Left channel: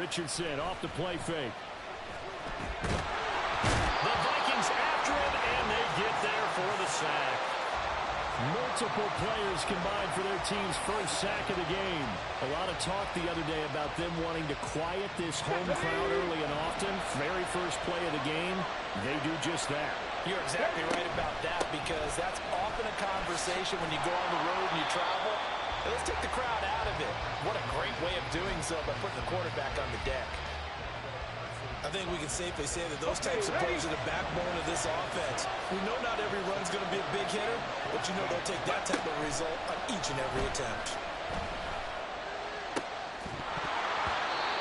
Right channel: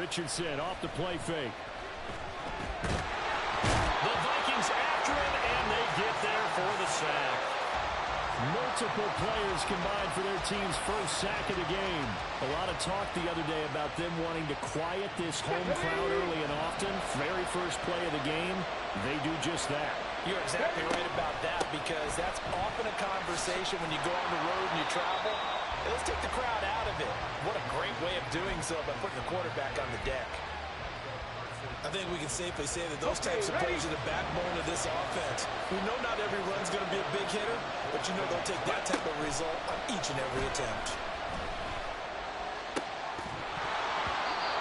Richardson off the play fake. The Vikings after him, and they get there for the sack. Multiple players combined for their team's first sack of the game. A lot of talk the other day about them wanting to quiet this home crowd early and often. Very first play of the game, they do just that. You're exactly right about that, because that's often a conversation when you go on the road and you travel. Hey, let's take the crowd out of it. What a great way of doing so by putting the quarterback on the deck. I think we can safely say that those types of plays are the backbone of this offense. We know not every run's going to be a big hitter, but you know they'll take that type of result on each and every attempt.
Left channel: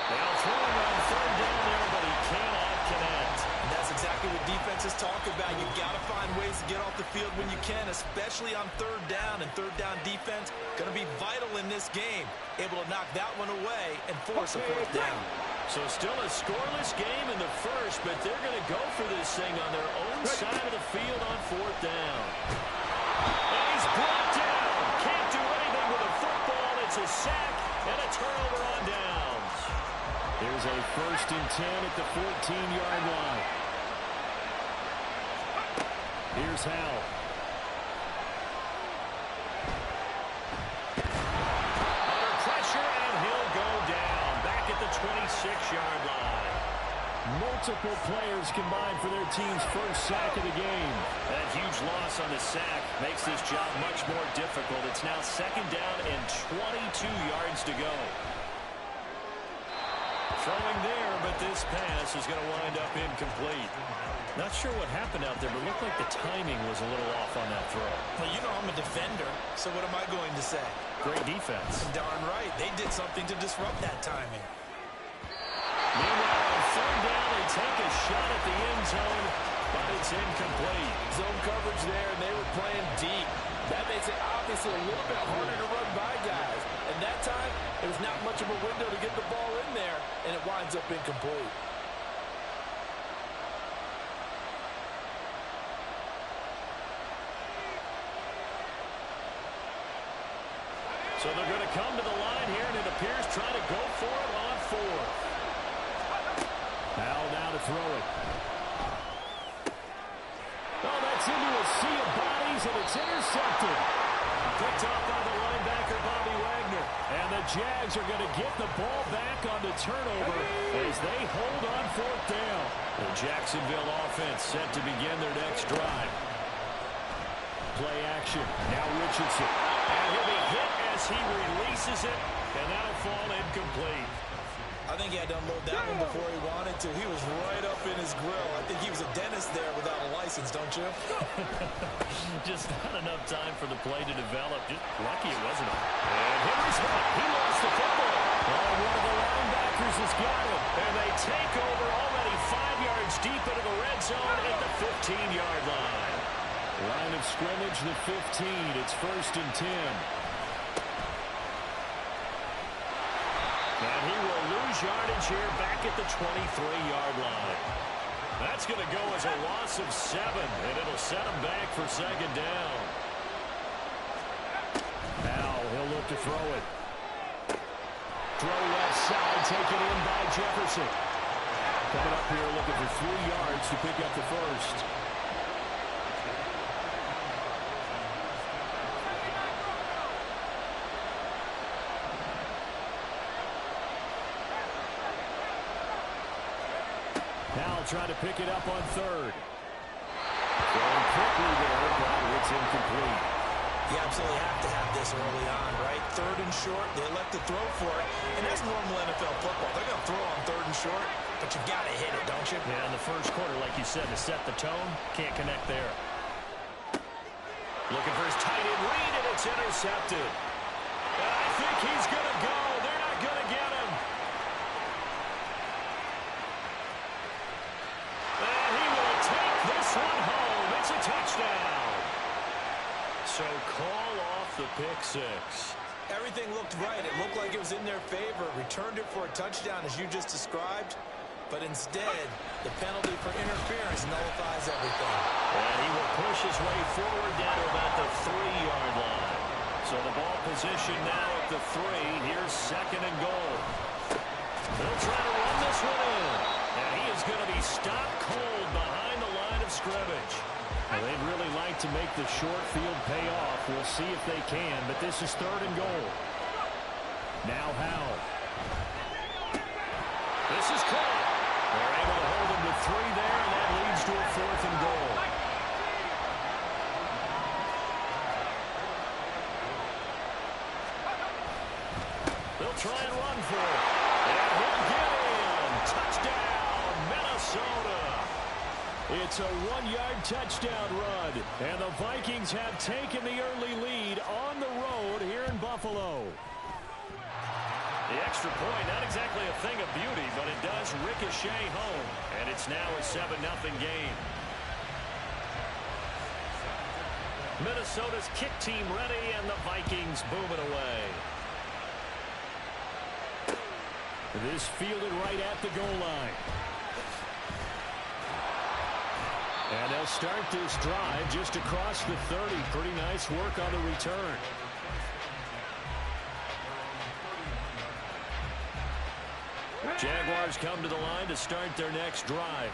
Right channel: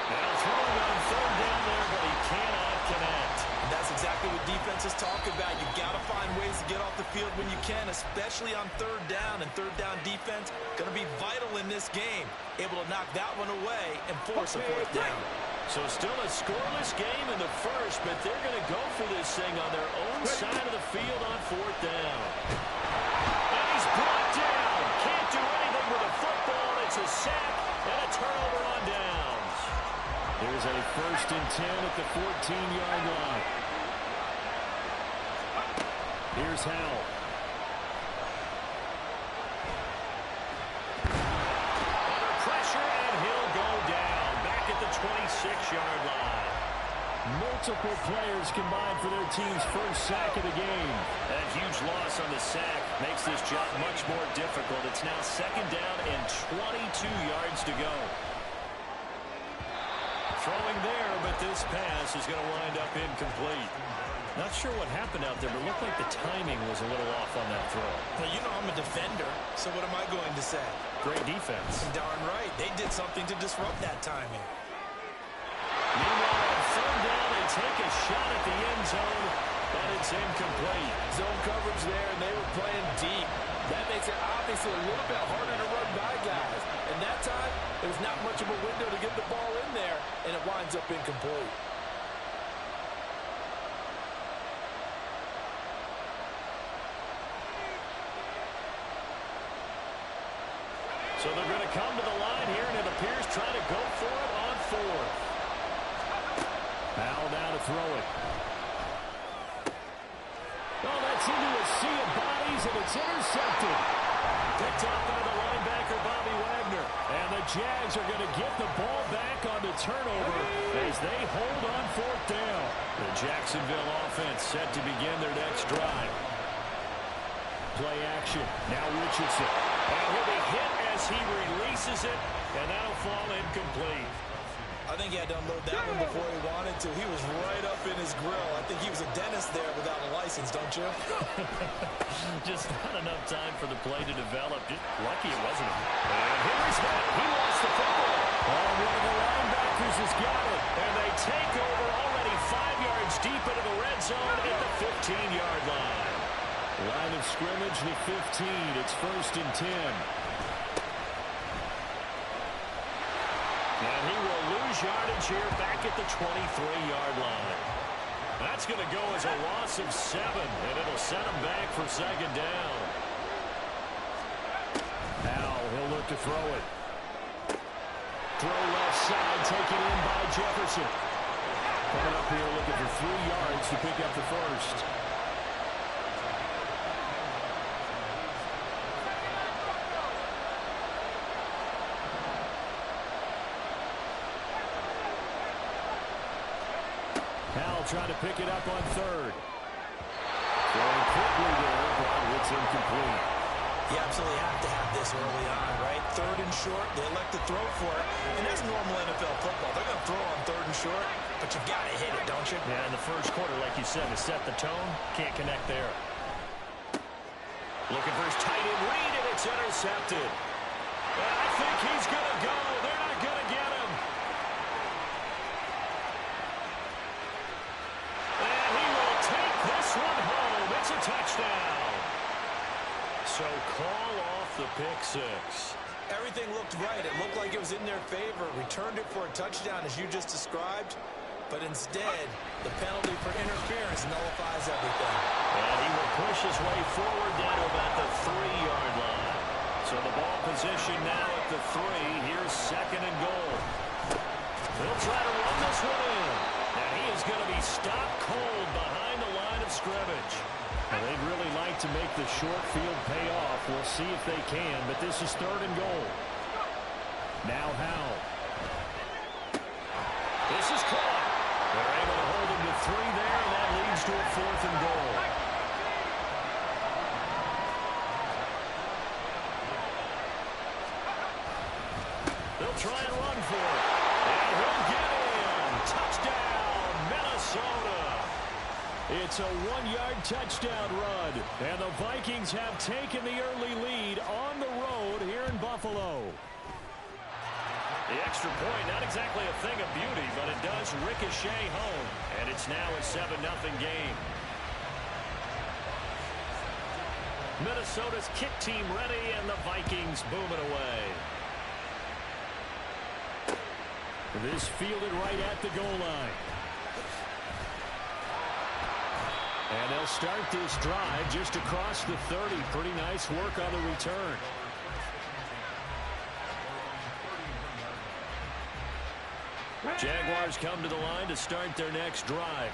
Now throwing on third down there, but he cannot connect. And that's exactly what defenses talk about. You've got to find ways to get off the field when you can, especially on third down. And third down defense going to be vital in this game. Able to knock that one away and force a fourth down. So still a scoreless game in the first, but they're going to go for this thing on their own side of the field on fourth down. And he's brought down. Can't do anything with a football. It's a sack and a turnover on downs. Here's a 1st and 10 at the 14-yard line. Here's Howell. Under pressure, and he'll go down. Back at the 26-yard line. Multiple players combined for their team's first sack of the game. That huge loss on the sack makes this job much more difficult. It's now 2nd down and 22 yards to go. Throwing there, but this pass is going to wind up incomplete. Not sure what happened out there, but it looked like the timing was a little off on that throw. Well, you know I'm a defender, so what am I going to say? Great defense. Darn right. They did something to disrupt that timing. Meanwhile, on third down, they take a shot at the end zone, but it's incomplete. Zone coverage there, and they were playing deep. That makes it obviously a little bit harder to run by guys. And that time, it was not much of a window to get the ball in there, and it winds up incomplete. So they're going to come to the line here, and it appears trying to go for it on fourth. Howell now to throw it. Oh, that's into a sea of bodies, and it's intercepted. Picked off by the linebacker, Bobby Wagner. And the Jags are going to get the ball back on the turnover as they hold on fourth down. The Jacksonville offense set to begin their next drive. Play action. Now Richardson. And he'll be hit as he releases it, and that'll fall incomplete. I think he had to unload that one before he wanted to. He was right up in his grill. I think he was a dentist there without a license, don't you? Just not enough time for the play to develop. Just lucky it wasn't him. And Henry's hit. He lost the football. Oh, one of the linebackers has got it. And they take over already 5 yards deep into the red zone at the 15-yard line. Line of scrimmage, the 15. It's 1st and 10. And he will lose yardage here back at the 23-yard line. That's going to go as a loss of 7, and it'll set him back for 2nd down. Now he'll look to throw it. Throw left side, taken in by Jefferson. Coming up here looking for 3 yards to pick up the first. Howell trying to pick it up on third. Throwing quickly there, but it's incomplete. You absolutely have to have this early on, right? 3rd and short, they elect to throw for it. And that's normal NFL football. They're going to throw on 3rd and short, but you've got to hit it, don't you? Yeah, in the first quarter, like you said, to set the tone, can't connect there. Looking for his tight end read, and it's intercepted. And I think he's going to go. They're not going to get him. And he will take this one home. It's a touchdown. So call off the pick six. Everything looked right. It looked like it was in their favor. Returned it for a touchdown, as you just described. But instead, the penalty for interference nullifies everything. And he will push his way forward down to about the 3-yard line. So the ball position now at the 3. Here's 2nd and goal. They'll try to run this one in. And he is going to be stopped cold behind the line of scrimmage. Well, they'd really like to make the short field pay off. We'll see if they can, but this is 3rd and goal. Now Howell. This is caught. They're able to hold him to 3 there, and that leads to a 4th and goal. They'll try and run for it. And he'll get in. Touchdown, Minnesota. It's a 1-yard touchdown run, and the Vikings have taken the early lead on the road here in Buffalo. The extra point, not exactly a thing of beauty, but it does ricochet home, and it's now a 7-0 game. Minnesota's kick team ready, and the Vikings boom it away. This fielded right at the goal line. And they'll start this drive just across the 30. Pretty nice work on the return. Jaguars come to the line to start their next drive.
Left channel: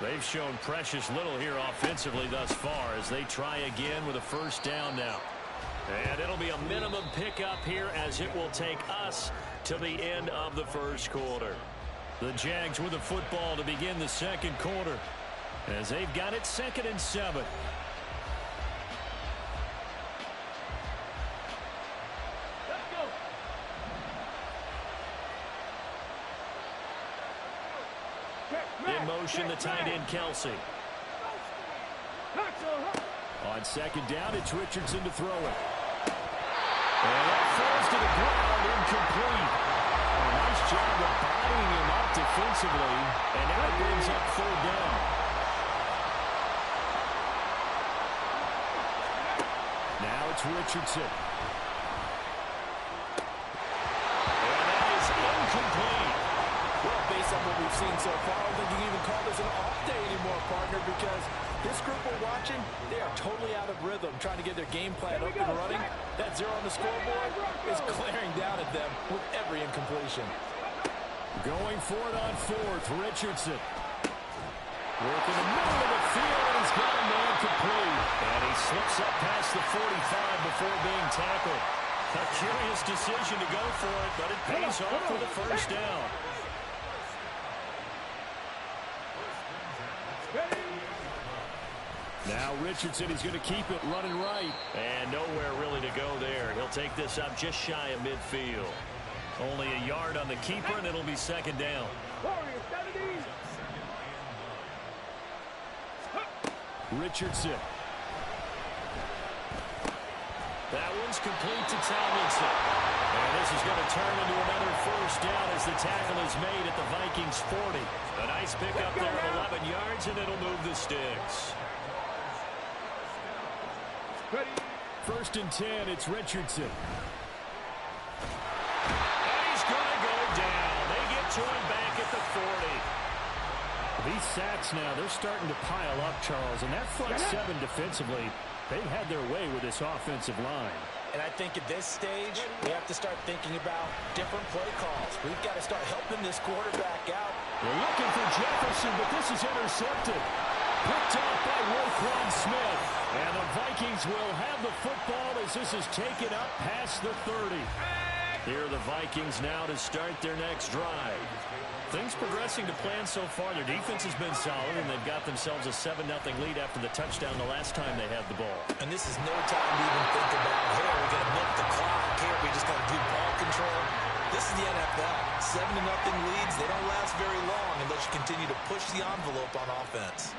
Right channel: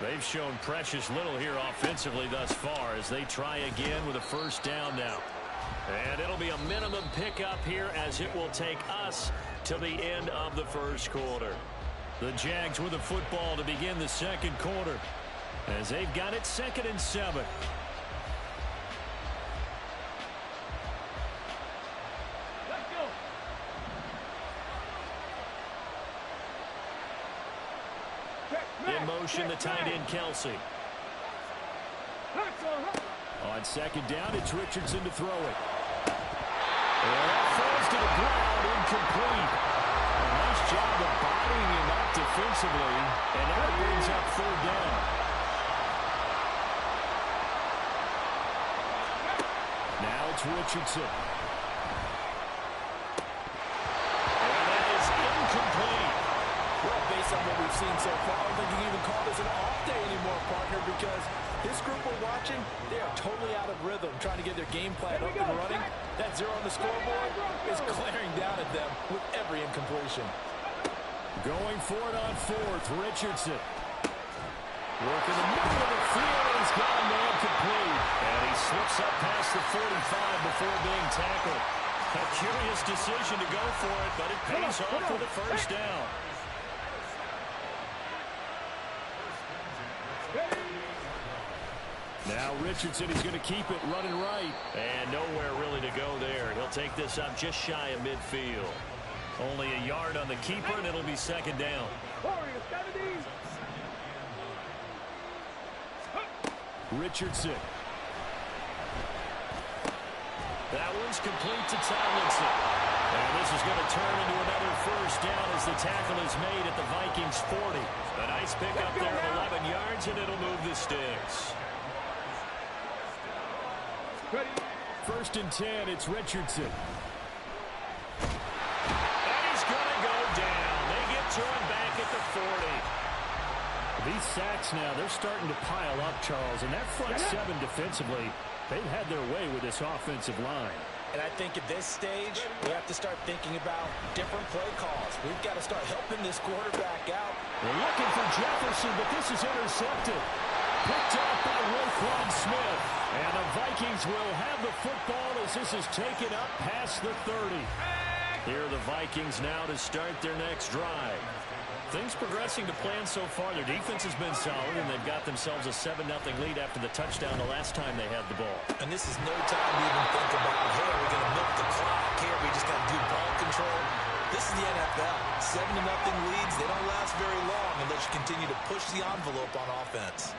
They've shown precious little here offensively thus far as they try again with a 1st down now. And it'll be a minimum pickup here as it will take us to the end of the 1st quarter. The Jags with the football to begin the 2nd quarter as they've got it 2nd and 7. Let's go. In motion, the tight end, Kelsey. On 2nd down, it's Richardson to throw it. And that falls to the ground, incomplete. A nice job of bodying him up defensively, and now it brings up 3rd down. Now it's Richardson. And that is incomplete. Well, based on what we've seen so far, I don't think you can even call this an off day anymore, partner, because this group we're watching, they are totally out of rhythm, trying to get their game plan up and running. That 0 on the scoreboard is glaring down at them with every incompletion. Going for it on 4th, Richardson. Working the middle of the field, and he's got a man complete. And he slips up past the 45 before being tackled. A curious decision to go for it, but it pays off with a 1st down. Now Richardson, he's going to keep it running right. And nowhere really to go there. He'll take this up just shy of midfield. Only a yard on the keeper, and it'll be 2nd down. Richardson. That one's complete to Tomlinson. And this is going to turn into another 1st down as the tackle is made at the Vikings 40. A nice pickup there of 11 yards, and it'll move the sticks. 1st and 10, it's Richardson. And he's going to go down. They get to him back at the 40. These sacks now, they're starting to pile up, Charles. And that front 7 defensively, they've had their way with this offensive line. And I think at this stage, we have to start thinking about different play calls. We've got to start helping this quarterback out. They're looking for Jefferson, but this is intercepted. Picked off by Roquan Smith. And the Vikings will have the football as this is taken up past the 30. Here are the Vikings now to start their next drive. Things progressing to plan so far. Their defense has been solid, and they've got themselves a 7-0 lead after the touchdown the last time they had the ball. And this is no time to even think about, hey, are we going to milk the clock? Here, we just got to do ball control. This is the NFL. 7-0 leads, they don't last very long unless you continue to push the envelope on offense.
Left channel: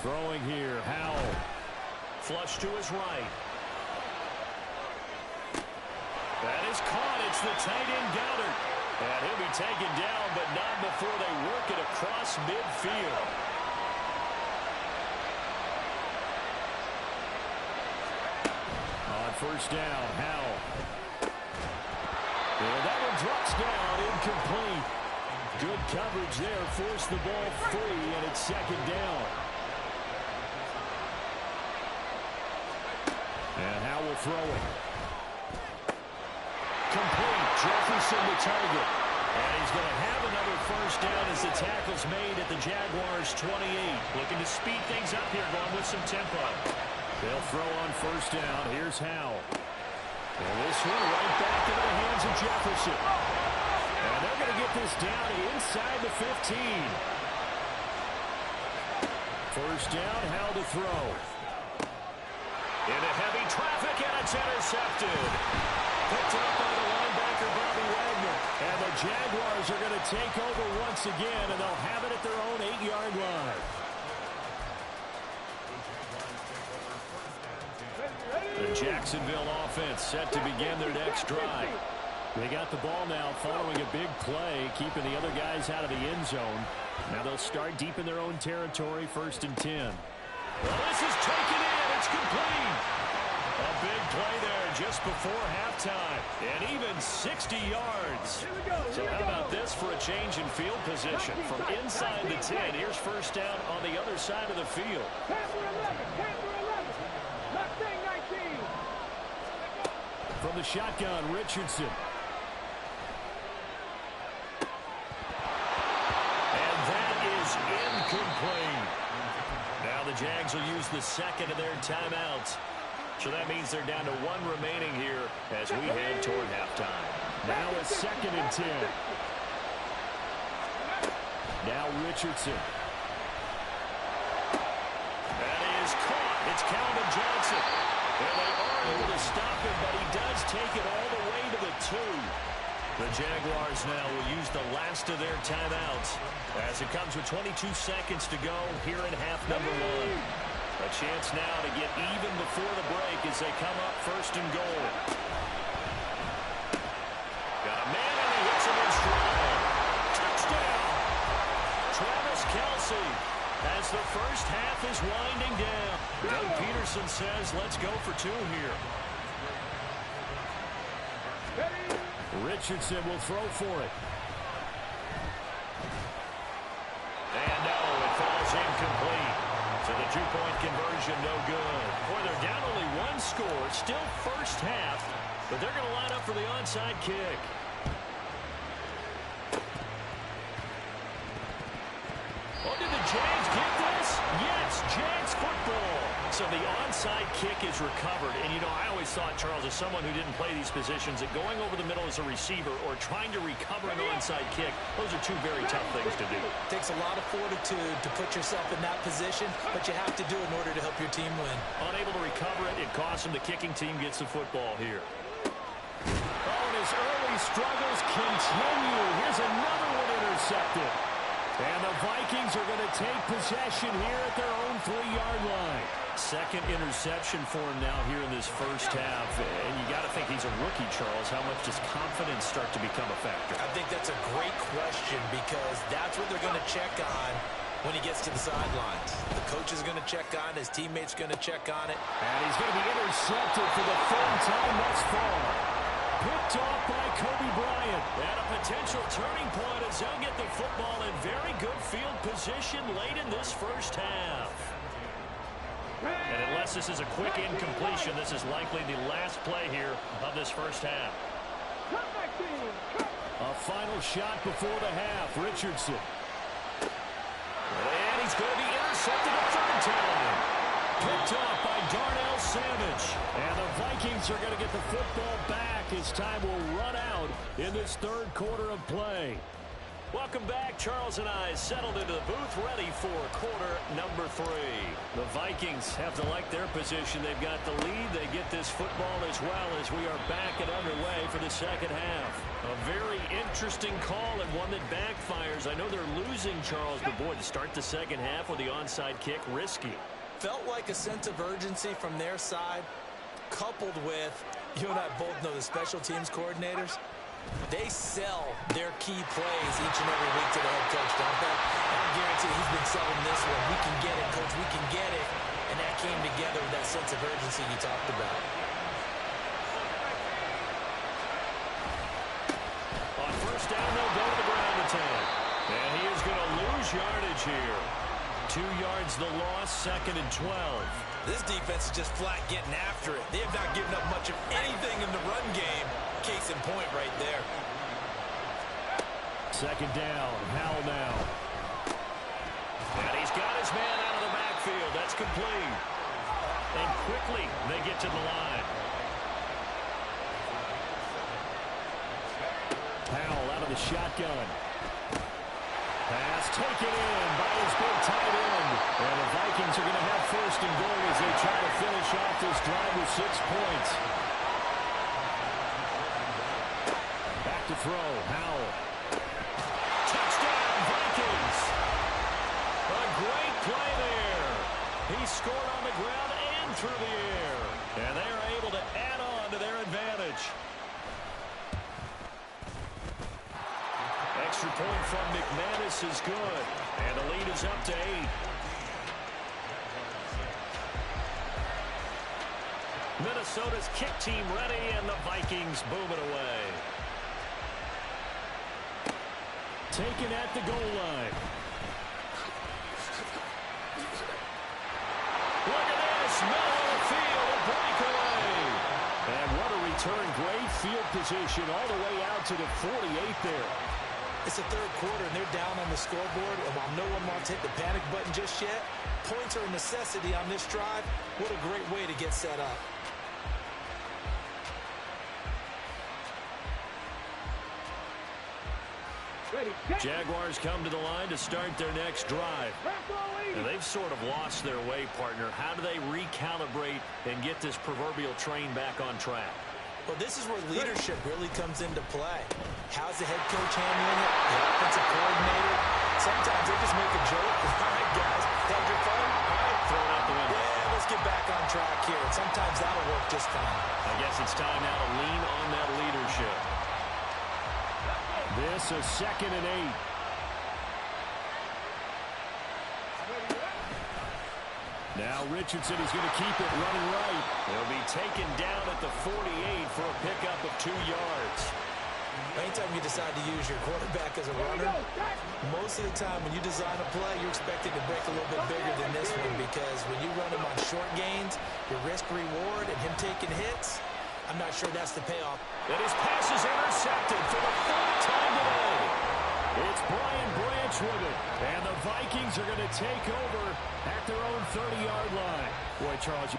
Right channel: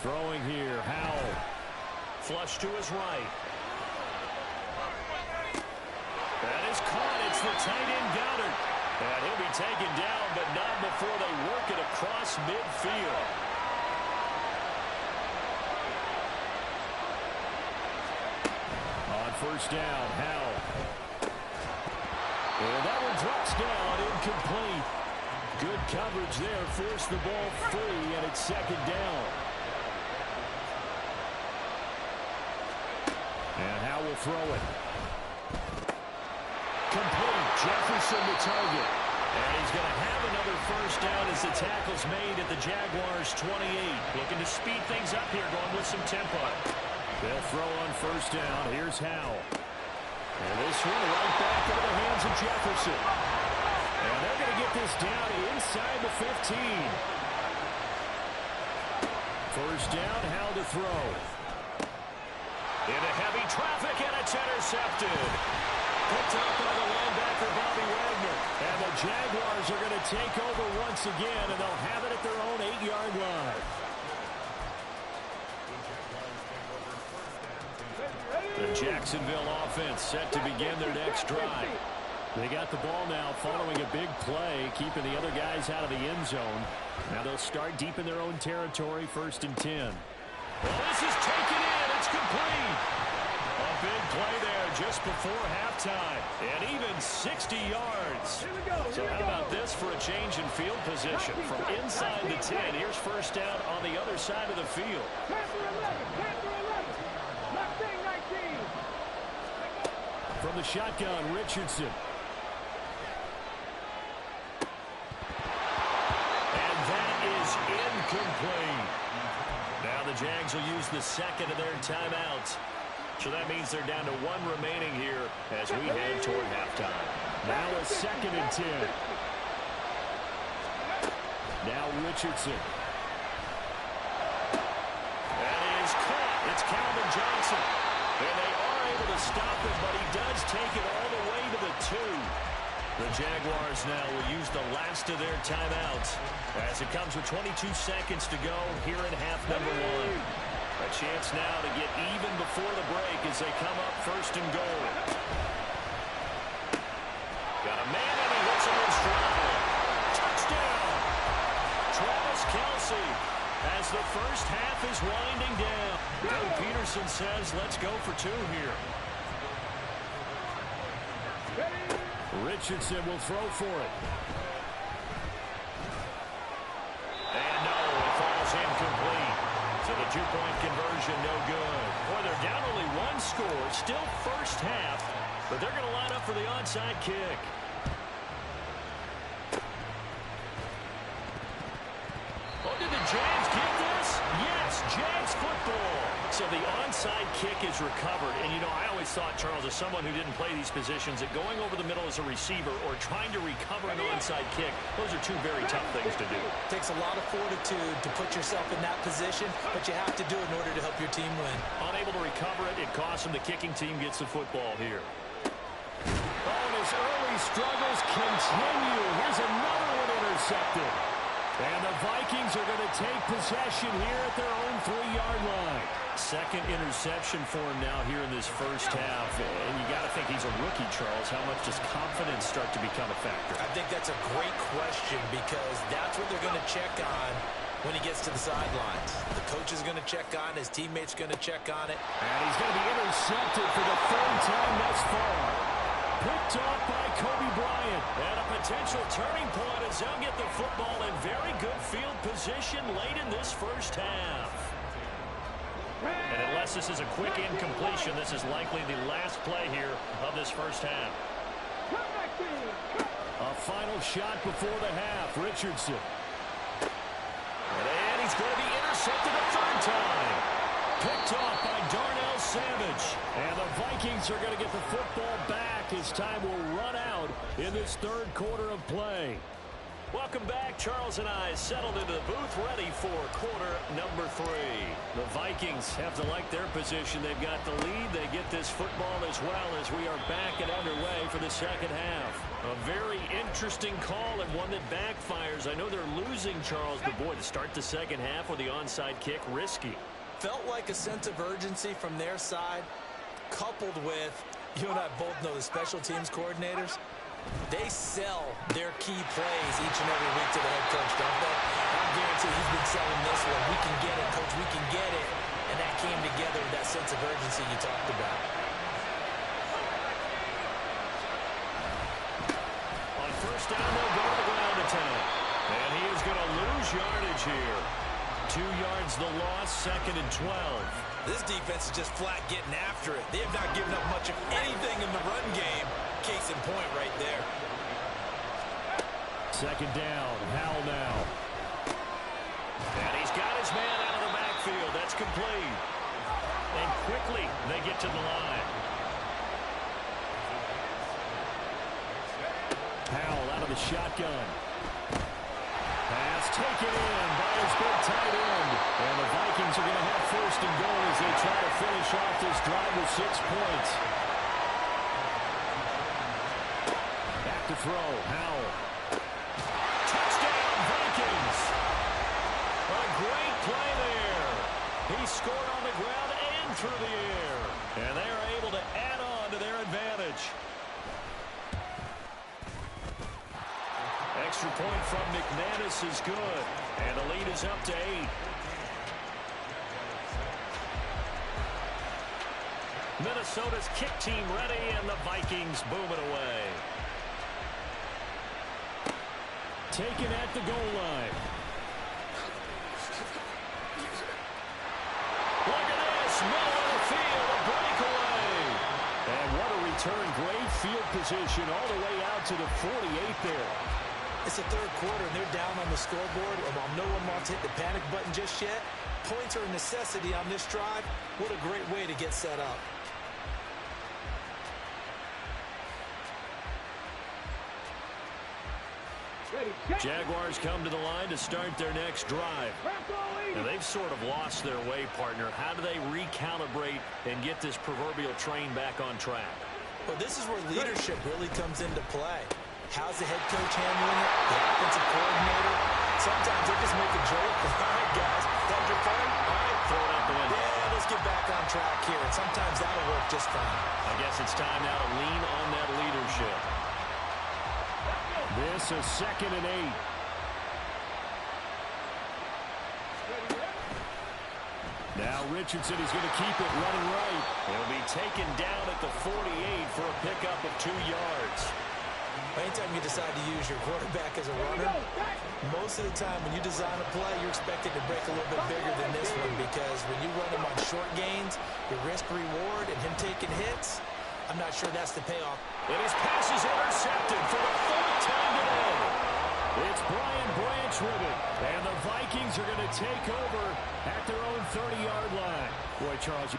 Throwing here, Howell. Flush to his right. That is caught. It's the tight end, Goddard. And he'll be taken down, but not before they work it across midfield. On 1st down, Howell. And that one drops down, incomplete. Good coverage there, forced the ball free, and it's 2nd down. And Howell will throw it. Complete. Jefferson the target. And he's going to have another first down as the tackle's made at the Jaguars' 28. Looking to speed things up here, going with some tempo. They'll throw on first down. Here's Howell. And this one right back into the hands of Jefferson. And they're going to get this down inside the 15. First down, Howell to throw. Into heavy traffic, and it's intercepted. Picked up by the linebacker, Bobby Wagner. And the Jaguars are going to take over once again, and they'll have it at their own 8-yard line. The Jacksonville offense set to begin their next drive. They got the ball now following a big play, keeping the other guys out of the end zone. Now they'll start deep in their own territory, 1st and 10. Well, this is taken in. It's complete. A big play there just before halftime. And even 60 yards. So how about this for a change in field position? From inside the 10, here's first down on the other side of the field. From the shotgun, Richardson. And that is incomplete. Now the Jags will use the second of their timeouts. So that means they're down to 1 remaining here as we head toward halftime. Now a 2nd and 10. Now Richardson. That is caught. It's Calvin Johnson. And they are able to stop him, but he does take it all the way to the 2. The Jaguars now will use the last of their timeouts as it comes with 22 seconds to go here in half number 1. A chance now to get even before the break as they come up 1st and goal. Got a man and he hits him in stride. Touchdown! Travis Kelce as the first half is winding down. Doug Peterson says let's go for 2 here. Richardson will throw for it. And no, it falls incomplete. So the 2-point conversion no good. Boy, they're down only 1 score. Still first half, but they're going to line up for the onside kick. Oh, did the Jags get this? Yes, Jags football. So the onside kick is recovered. And, you know, I always thought, Charles, as someone who didn't play these positions, that going over the middle as a receiver or trying to recover an onside kick, those are 2 very tough things to do. It takes a lot of fortitude to put yourself in that position, but you have to do it in order to help your team win. Unable to recover it, it costs him. The kicking team gets the football here. Oh, and his early struggles continue. Here's another one intercepted. And the Vikings are going to take possession here at their own 3-yard line. Second interception for him now here in this first half. And you got to think he's a rookie, Charles. How much does confidence start to become a factor? I think that's a great question because that's what they're going to check on when he gets to the sidelines. The coach is going to check on it. His teammates going to check on it. And he's going to be intercepted for the 3rd time thus far. Picked off by Kobe Bryant. And a potential turning point as they'll get the football in very good field position late in this first half. And unless this is a quick incompletion, this is likely the last play here of this first half. A final shot before the half. Richardson. And he's going to be intercepted a 3rd time. Picked off by Darnell Savage. And the Vikings are going to get the football back as time will run out in this 3rd quarter of play. Welcome back. Charles and I settled into the booth ready for quarter number 3. The Vikings have to like their position. They've got the lead. They get this football as well as we are back and underway for the second half. A very interesting call and one that backfires. I know they're losing, Charles, but boy, to start the second half with the onside kick, risky. Felt like a sense of urgency from their side, coupled with, you and I both know the special teams coordinators, they sell their key plays each and every week to the head coach, don't they? I guarantee he's been selling this one. We can get it, coach, we can get it. And that came together with that sense of urgency you talked about. On first down, they'll go to the ground attack. And he is going to lose yardage here. 2 yards the loss, 2nd and 12. This defense is just flat getting after it. They have not given up much of anything in the run game. Case in point right there. 2nd down. Howell now. And he's got his man out of the backfield. That's complete. And quickly they get to the line. Howell out of the shotgun. Pass taken in by his big tight end. And the Vikings are going to have 1st and goal as they try to finish off this drive with 6 points. Back to throw. Howell. Touchdown, Vikings. A great play there. He scored on the ground and through the air. And they are able to add on to their advantage. Extra point from McManus is good. And the lead is up to 8. Minnesota's kick team ready, and the Vikings boom it away. Taken at the goal line. Look at this. Middle of the field, a breakaway. And what a return. Great field position all the way out to the 48 there. It's the 3rd quarter, and they're down on the scoreboard. And while no one wants to hit the panic button just yet, points are a necessity on this drive. What a great way to get set up. Jaguars come to the line to start their next drive. Now, they've sort of lost their way, partner. How do they recalibrate and get this proverbial train back on track? Well, this is where leadership really comes into play. How's the head coach handling it? The offensive coordinator? Sometimes they just make a joke. All right, guys, had your fun? All right, throw it out the window. Yeah, let's get back on track here. And sometimes that'll work just fine. I guess it's time now to lean on that leadership. This is 2nd and 8. Now Richardson is going to keep it running right. He'll be taken down at the 48 for a pickup of 2 yards. Anytime you decide to use your quarterback as a runner, most of the time when you design a play, you're expected to break a little bit bigger than this one, because when you run him on short gains, your risk-reward and him taking hits, I'm not sure that's the payoff. And his pass is intercepted for the 4th time today. It's Brian Branch with it. And the Vikings are going to take over at their own 30-yard line. Boy, Charles,